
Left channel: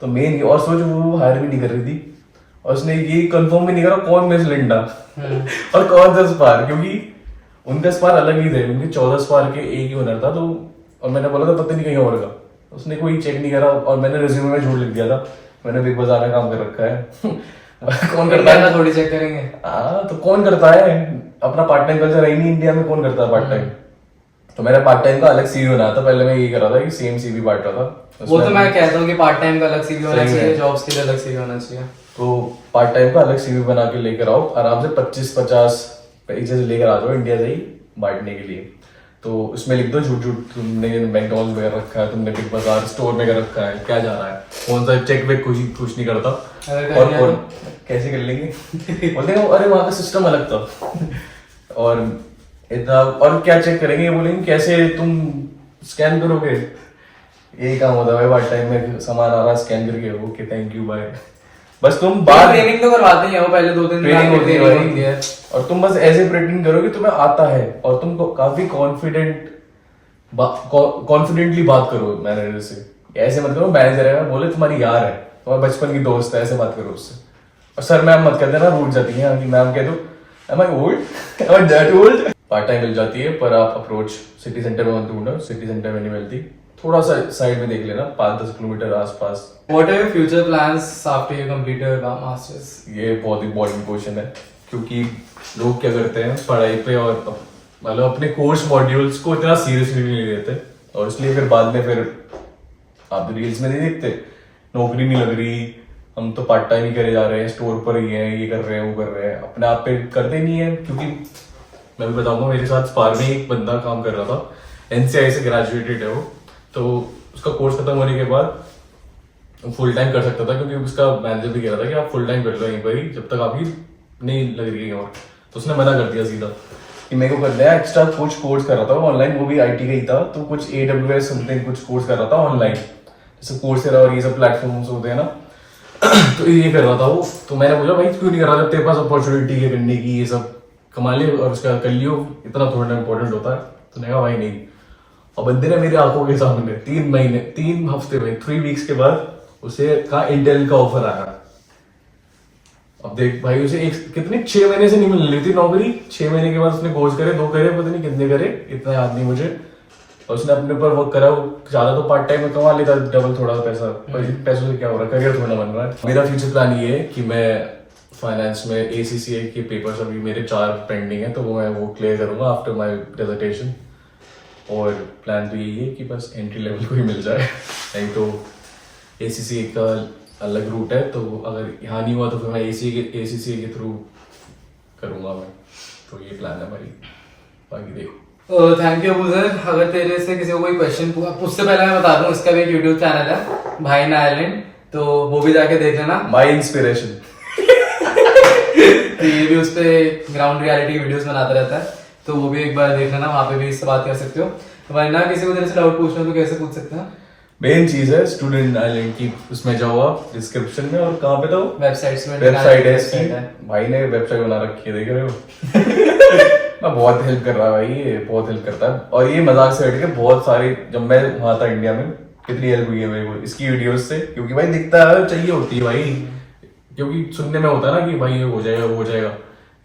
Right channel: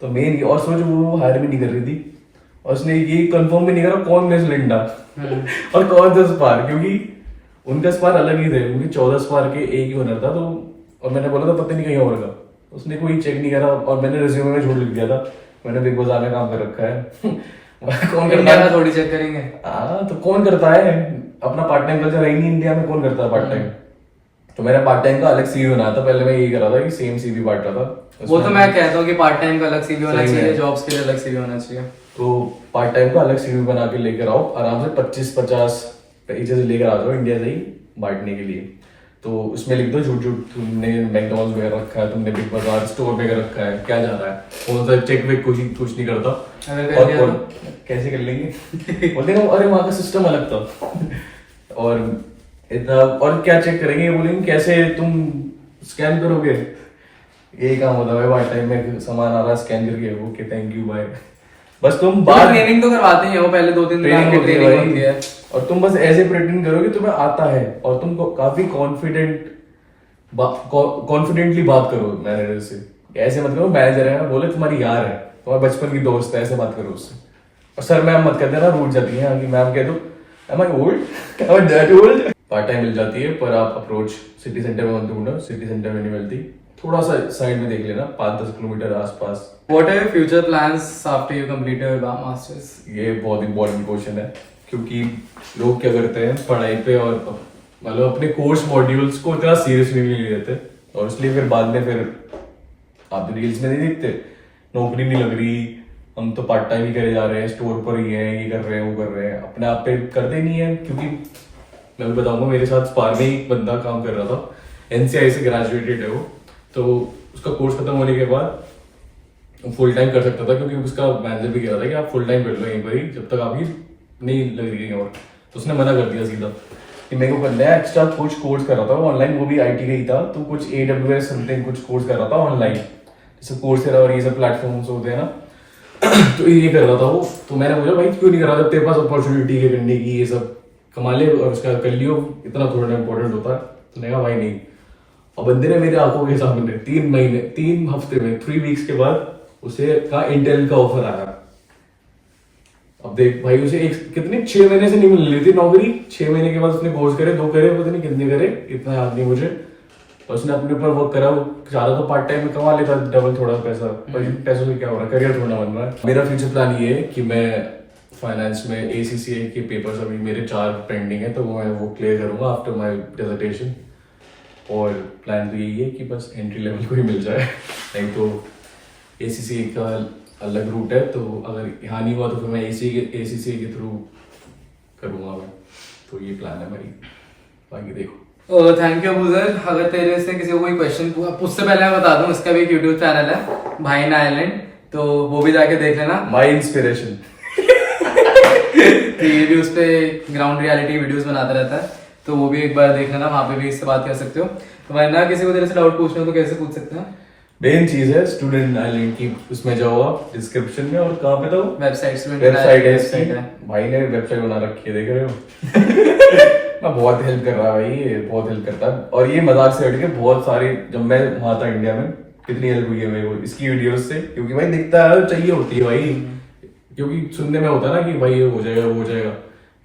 तो मेन, और सोचो वो हायर भी नहीं कर रही थी, और उसने ये कंफर्म भी नहीं करा कौन मिस लिंडा और कौन सा स्पार, क्योंकि उनका स्पार अलग ही थे। उनके 14 स्पार के एक ही ओनर था। तो और मैंने बोला था पता नहीं कहीं और का, उसने कोई चेक नहीं करा और मैंने रिज्यूमे में झूठ लिख दिया था मैंने बिग बाजार में काम कर रखा है कौन करता है? थोड़ी चेक करेंगे। हाँ, तो कौन करता है? अपना पार्ट टाइम कल्चर है ही नहीं इंडिया में, कौन करता है पार्ट टाइम? तो मैंने पार्ट टाइम का अलग सीवी बनाया था। पहले मैं यही कर रहा था कि सेम सीवी बांट रहा था। वो तो मैं कहता हूँ कि पार्ट टाइम का अलग सीवी होना चाहिए, जॉब्स के लिए अलग सीवी होना चाहिए। तो पार्ट टाइम का अलग सीवी बना के लेकर आओ, आराम से 25-50 पेजेस लेकर आ जाओ इंडिया से ही बांटने के लिए। तो उसमें लिख दो झूठ झूठ तुमने मैकडॉनल्ड्स में रखा है, तुमने बिग बाजार स्टोर में कर रखा है, क्या जा रहा है, कौन सा चेक वेक कुछ नहीं करता। और कौन कैसे कर लेंगे बोलते हैं अरे वहाँ का सिस्टम अलग था और इतना, और क्या चेक करेंगे, बोलेंगे कैसे तुम स्कैन करोगे। यही काम होता है पार्ट टाइम में, सामान आ रहा स्कैन करके ओके थैंक यू बाय। बस तुम बाहर ट्रेनिंग तो करवाते ही हैं वो, पहले 2-3 दिन ट्रेनिंग होती है और तुम बस ऐसे प्रेटेंड करो कि तुम्हें आता है और तुम काफी कॉन्फिडेंटली बात करो मैनेजर से। ऐसे मत करो मैनेजर है बोले तुम्हारी यार है, तुम्हारे बचपन की दोस्त है, ऐसे बात करो उससे। और सर मैम मत कहते ना, रूठ जाती है कि मैम कह दो am I old? am I that old? Part time मिल जाती है, पर आप अप्रोच सिटी सेंटर में मत ढूंढो, सिटी सेंटर में नहीं मिलती। थोड़ा सा साइड में देख लेना, 5-10 किलोमीटर आसपास। What are your future plans after you complete your masters? ये बहुत इंपॉर्टेंट क्वेश्चन है, क्योंकि लोग क्या करते हैं पढ़ाई पे और मतलब अपने कोर्स मॉड्यूल्स को इतना सीरियसली नहीं लेते, और इसलिए फिर बाद में फिर आप रील्स में नहीं देखते नौकरी नहीं लग रही, हम तो पार्ट टाइम ही करे जा रहे हैं, स्टोर पर ही हैं, ये कर रहे हैं वो कर रहे हैं, अपने आप पे करते नहीं है। क्योंकि मैं भी बताऊंगा, मेरे साथ स्पार में एक बंदा काम कर रहा था, NCI से ग्रेजुएटेड है वो, तो उसका कोर्स खत्म होने के बाद फुल टाइम कर सकता था, क्योंकि उसका मैनेजर भी कह रहा था कि आप फुल टाइम कर लो यहीं पर ही जब तक आपकी नहीं लग रही कहीं और। तो उसने मना कर दिया सीधा कि मेरे को करना है। एक्स्ट्रा कुछ कोर्स कर रहा था वो ऑनलाइन, वो भी IT का ही था, तो कुछ AWS समथिंग कुछ कोर्स कर रहा था ऑनलाइन, जैसे कोर्सेरा और ये सब प्लेटफॉर्म्स होते हैं ना तो ये कर रहा था वो। तो मैंने बोला भाई क्यों नहीं कर रहा जब तेरे पास अपॉर्चुनिटी है करने की ये सब, कमा ले और उसका कर लियो, इतना थोड़ा इंपॉर्टेंट होता है। तो नहीं भाई नहीं। और बंदे ने मेरे आंखों के सामने 3 हफ्ते में 3 वीक्स के बाद उसे कहा इंटेल का ऑफर आया। अब देख भाई उसे कितने 6 महीने से नहीं मिल रही थी नौकरी, 6 महीने के बाद उसने कोर्स करे, 2 करे, पता नहीं कितने करे, इतना याद नहीं मुझे। और उसने अपने ऊपर वर्क करा, ज्यादा तो पार्ट टाइम में कमा लेता डबल थोड़ा पैसा, पर इन पैसों से क्या हो रहा है, करियर थोड़ा बन रहा है। मेरा फ्यूचर प्लान ये है कि मैं फाइनेंस में ACCA के पेपर्स अभी मेरे 4 पेंडिंग है, तो वो क्लियर करूंगा आफ्टर माय डिसर्टेशन। और प्लान तो यही है कि बस एंट्री लेवल को ही मिल जाए, नहीं तो ACCA का अलग रूट है, तो अगर यहाँ नहीं हुआ तो फिर मैं ACCA के थ्रू करूंगा मैं। तो ये प्लान है हमारी, बाकी देखो। Thank you Abuzar. अगर तेरे से किसी को कोई क्वेश्चन उससे पहले मैं बता दूं, इसका भी एक यूट्यूब चैनल है भाई इन आयरलैंड, तो वो भी जाके देख लेना। My inspiration. तो ये भी उस पे ग्राउंड रियलिटी वीडियोस बनाता रहता है, तो वो भी एक बार देख लेना, वहां पे भी इससे बात कर सकते हो। वरना किसी को तेरे से डाउट पूछना हो तो कैसे पूछ सकते हैं? मेन चीज है स्टूडेंट आइलैंड की, उसमें जाओ आप डिस्क्रिप्शन में, और कहाँ पे तो वेबसाइट है, भाई ने वेबसाइट बना रखी है, देख रहे हो। मैं बहुत हेल्प कर रहा है भाई, ये बहुत हेल्प करता है। और ये मजाक से हट के बहुत सारे, जब मैं वहां था इंडिया में, कितनी हेल्प हुई है भाई वो इसकी वीडियोस से, क्योंकि भाई दिखता है चाहिए होती है भाई, क्योंकि सुनने में होता है ना कि भाई ये हो जाएगा वो हो जाएगा,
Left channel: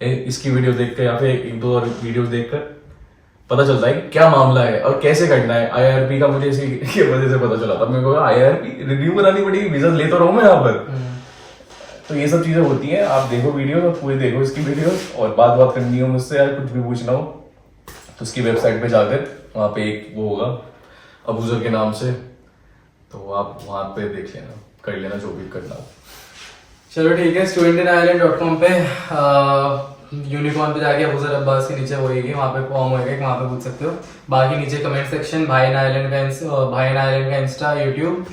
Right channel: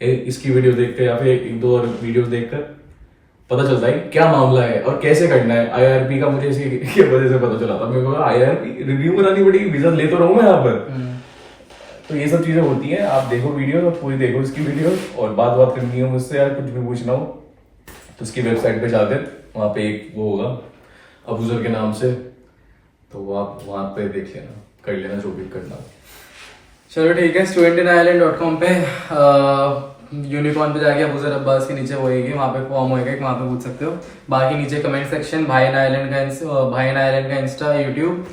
इसकी वीडियो देख कर या फिर 1-2 और वीडियो देख कर पता चलता है क्या मामला है और कैसे करना है। IRP का मुझे इसी की वजह से पता चला था, मेरे को IRP रिव्यू बनानी पड़ी, वीजा ले तो रहा हूँ मैं यहाँ पर। तो ये सब चीजें होती हैं, आप देखो वीडियो और पूरी देखो इसकी वीडियो, और बात करनी हो मुझसे यार, कुछ भी पूछना हो तो उसकी वेबसाइट पे जाकर वहाँ पे एक वो होगा अबूजर के नाम से, तो आप वहाँ पे देख लेना, कर लेना जो भी करना हो। चलो ठीक है, studentinIreland.com पे यूनिकॉर्न पे जाके अबूजर अब्बास के नीचे होएगी, वहाँ पे फॉर्म होएगा, वहाँ पे पूछ सकते हो। बाकी नीचे कमेंट सेक्शन भाई इन आयरलैंड का इंस्टा, यूट्यूब,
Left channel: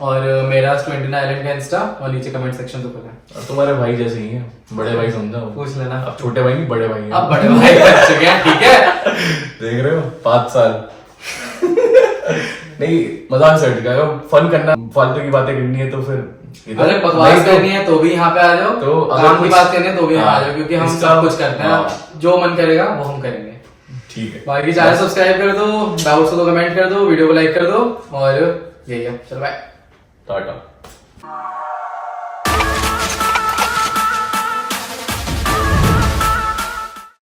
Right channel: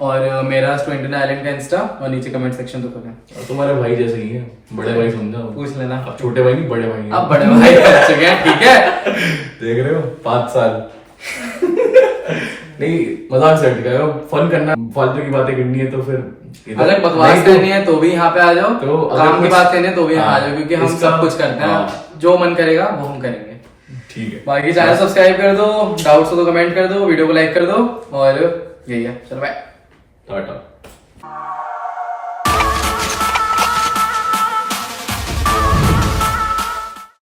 और मेरा studentinIreland का इंस्टा, और नीचे कमेंट सेक्शन तो खुला है। तुम्हारे भाई जैसे ही है, बड़े भाई समझा, पूछ लेना। अब छोटे भाई नहीं बड़े भाई हैं। अब बड़े भाई कर चुके हैं, ठीक है। देख रहे हो 5 साल। नहीं मजाक से हट गया, फन करना, फालतू की बातें करनी है तो फिर अगर बकवास करनी है तो भी यहाँ पे आ जाओ, तो काम की बात करनी है तो भी यहाँ आ जाओ, क्योंकि हम सब कुछ करते हैं, हाँ। जो मन करेगा वो हम करेंगे। ठीक है, बाकी चैनल सब्सक्राइब कर दो, डाउट्स हो तो कमेंट कर दो, वीडियो को लाइक कर दो, और यही है। चलो बाय, टाटा।